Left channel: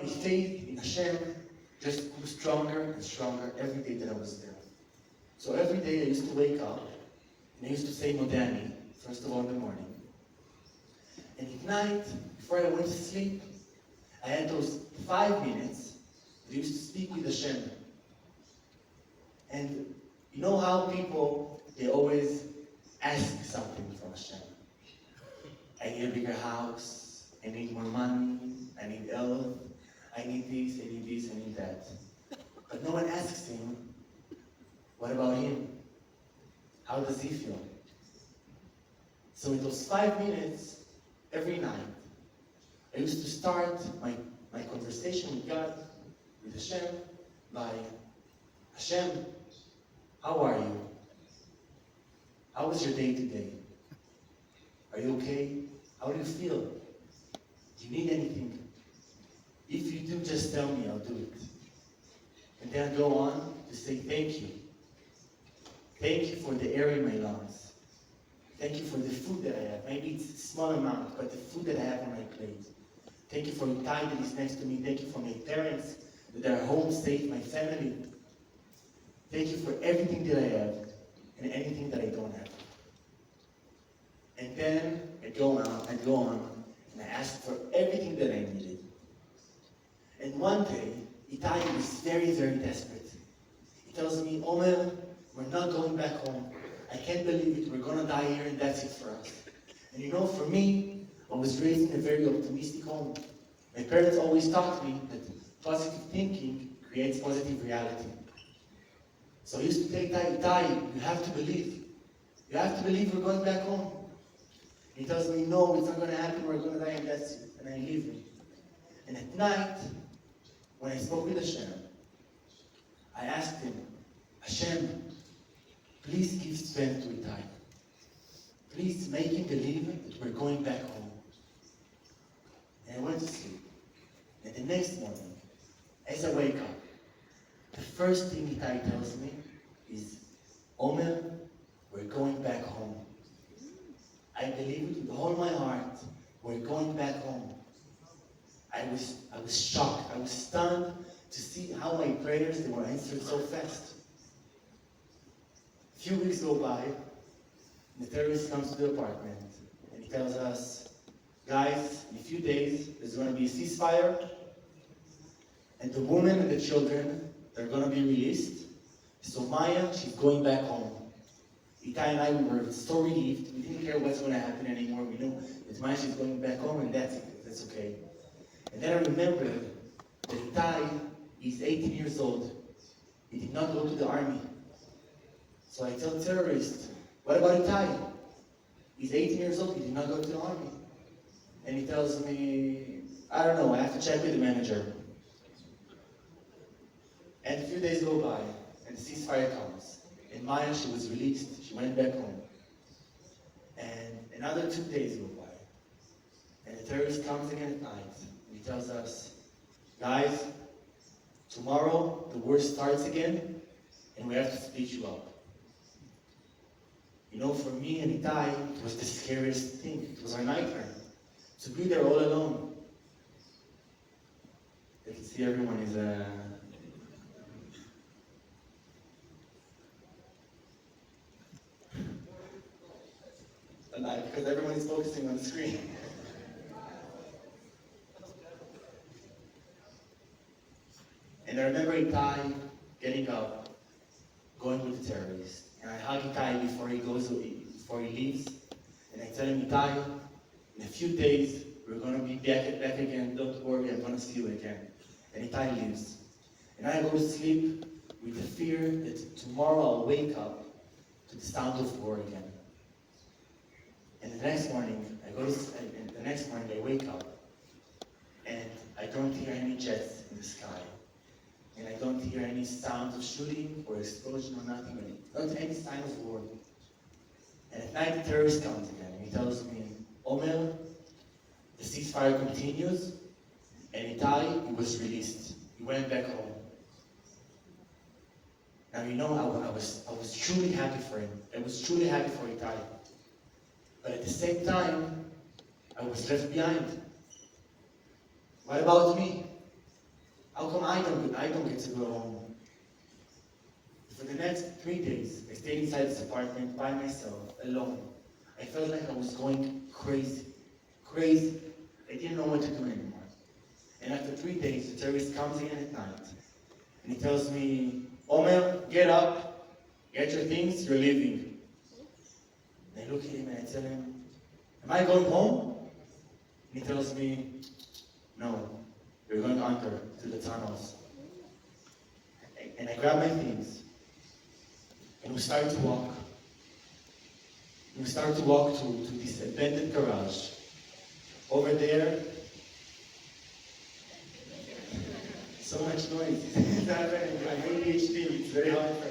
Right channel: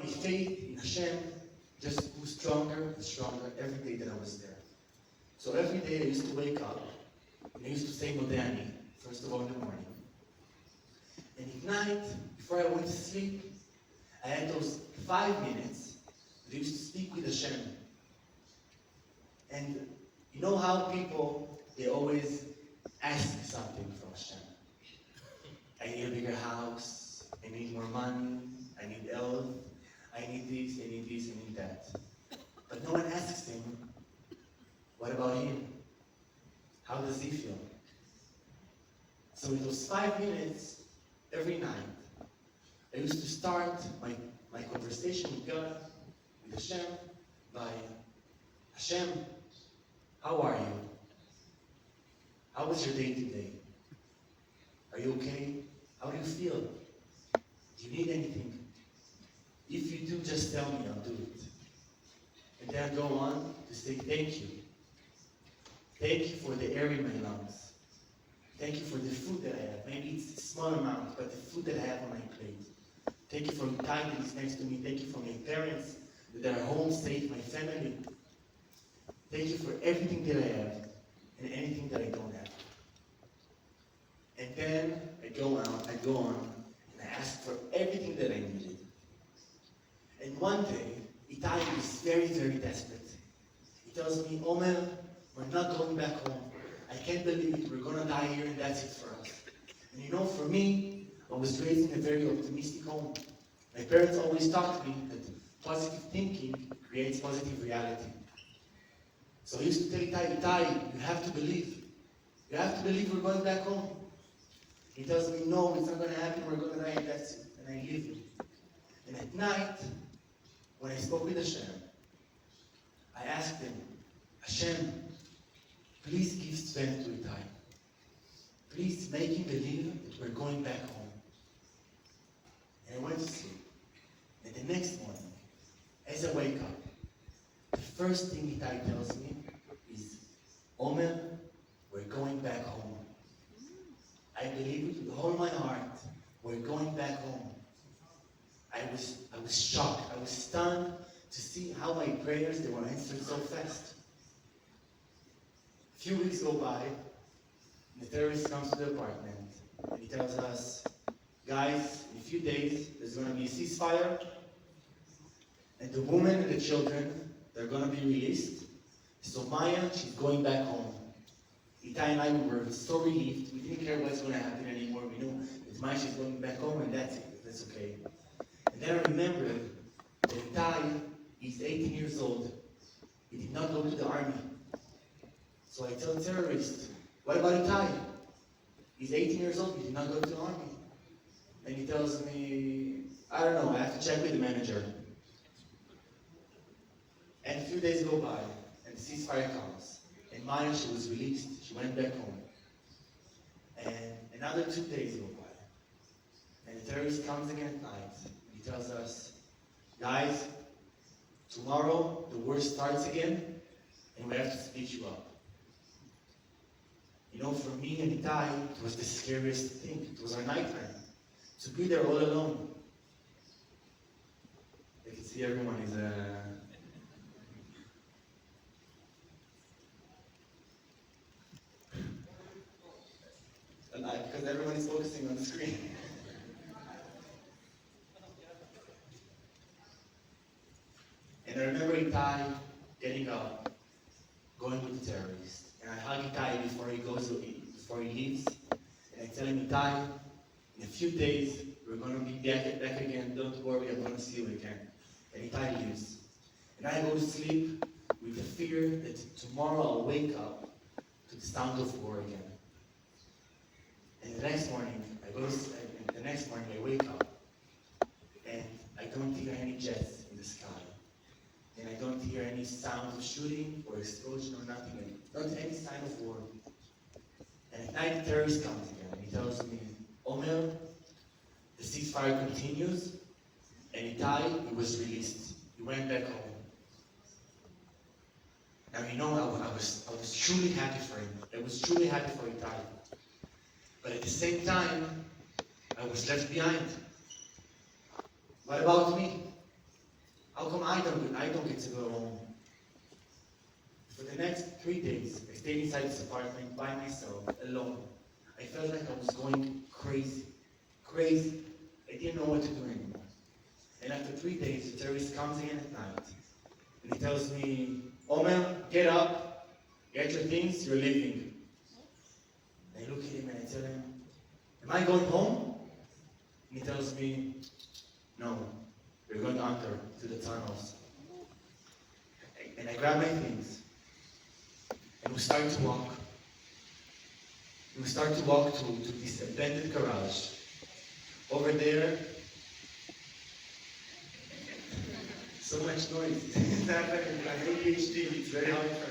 My faith in Hashem just grew stronger and stronger every day that I was there. So every day I used to wake up and I used to say Modani, first of all in the morning. And at night, before I went to sleep, I had those 5 minutes that I used to speak with Hashem. And you know how people, they always ask something from Hashem. I need a bigger house, I need more money, I need health, I need this, I need this, I need that. But no one asks him, what about him? How does he feel? So in those 5 minutes, every night, I used to start my conversation with God, with Hashem, by Hashem, how are you? How was your day today? Are you okay? How do you feel? Do you need anything? If you do, just tell me, I'll do it. And then I go on to say thank you. Thank you for the air in my lungs. Thank you for the food that I have. Maybe it's a small amount, but the food that I have on my plate. Thank you for the time that is next to me. Thank you for my parents that are home safe, my family. Thank you for everything that I have and anything that I don't have. And then I go on, and I ask for everything that I needed. And one day, Itai is very, very desperate. He tells me, Omer, we're not going back home. I can't believe it. We're going to die here, and that's it for us. And you know, for me, I was raised in a very optimistic home. My parents always taught me that positive thinking creates positive reality. So I used to tell Itai, you have to believe. You have to believe we're going back home. He tells me, no, it's not going to happen. We're going to die, and that's it. And I leave him. And at night, when I spoke with Hashem, I asked him, Hashem, please give strength to Itai. Please make him believe that we're going back home. And I went to sleep. And the next morning, as I wake up, the first thing Itai tells me is, Omer, we're going back home. I believe it with all my heart. We're going back home. I was shocked. I was stunned to see how my prayers, they were answered so fast. A few weeks go by, and the terrorist comes to the apartment, and he tells us, guys, in a few days, there's going to be a ceasefire, and the woman and the children, they're going to be released. So Maya, she's going back home. Itai and I, we were so relieved. We didn't care what's going to happen anymore. We knew that Maya, she's going back home, and that's it. That's okay. And then I remembered that Itai is 18 years old. He did not go to the army. So I tell the terrorist, what about Itai? He's 18 years old, he did not go to the army. And he tells me, I don't know, I have to check with the manager. And a few days go by, and the ceasefire comes. And Maya, she was released, she went back home. And another 2 days go by. And the terrorist comes again at night. He tells us, guys, tomorrow the war starts again, and we have to split you up. You know, for me and Itai, it was the scariest thing. It was our nightmare. To be there all alone. I can see everyone is alive because everyone is focusing on the screen. And I remember Itai getting up, going with the terrorist. And I hug Itai before he leaves. And I tell him, Itai, in a few days, we're going to be back again. Don't worry, I'm going to see you again. And Itai leaves. And I go to sleep with the fear that tomorrow I'll wake up to the sound of war again. And the next morning, I wake up, and I don't hear any jets in the sky. And I don't hear any sound of shooting or explosion or nothing. Not any sign of war. And at night the terrorist comes again and he tells me, Omer, the ceasefire continues, and Itai, he was released. He went back home. Now you know, I was truly happy for him. I was truly happy for Itai. But at the same time, I was left behind. What about me? I don't get to go home. For the next 3 days, I stayed inside this apartment by myself, alone. I felt like I was going crazy. Crazy. I didn't know what to do anymore. And after 3 days, the terrorist comes again at night. And he tells me, Omer, get up, get your things, you're leaving. And I look at him and I tell him, am I going home? And he tells me, no, we're going under to the tunnels. And I grab my things. And we start to walk. We start to walk to this abandoned garage. Over there, so much noise. It's happening. I have ADHD. It's very hard for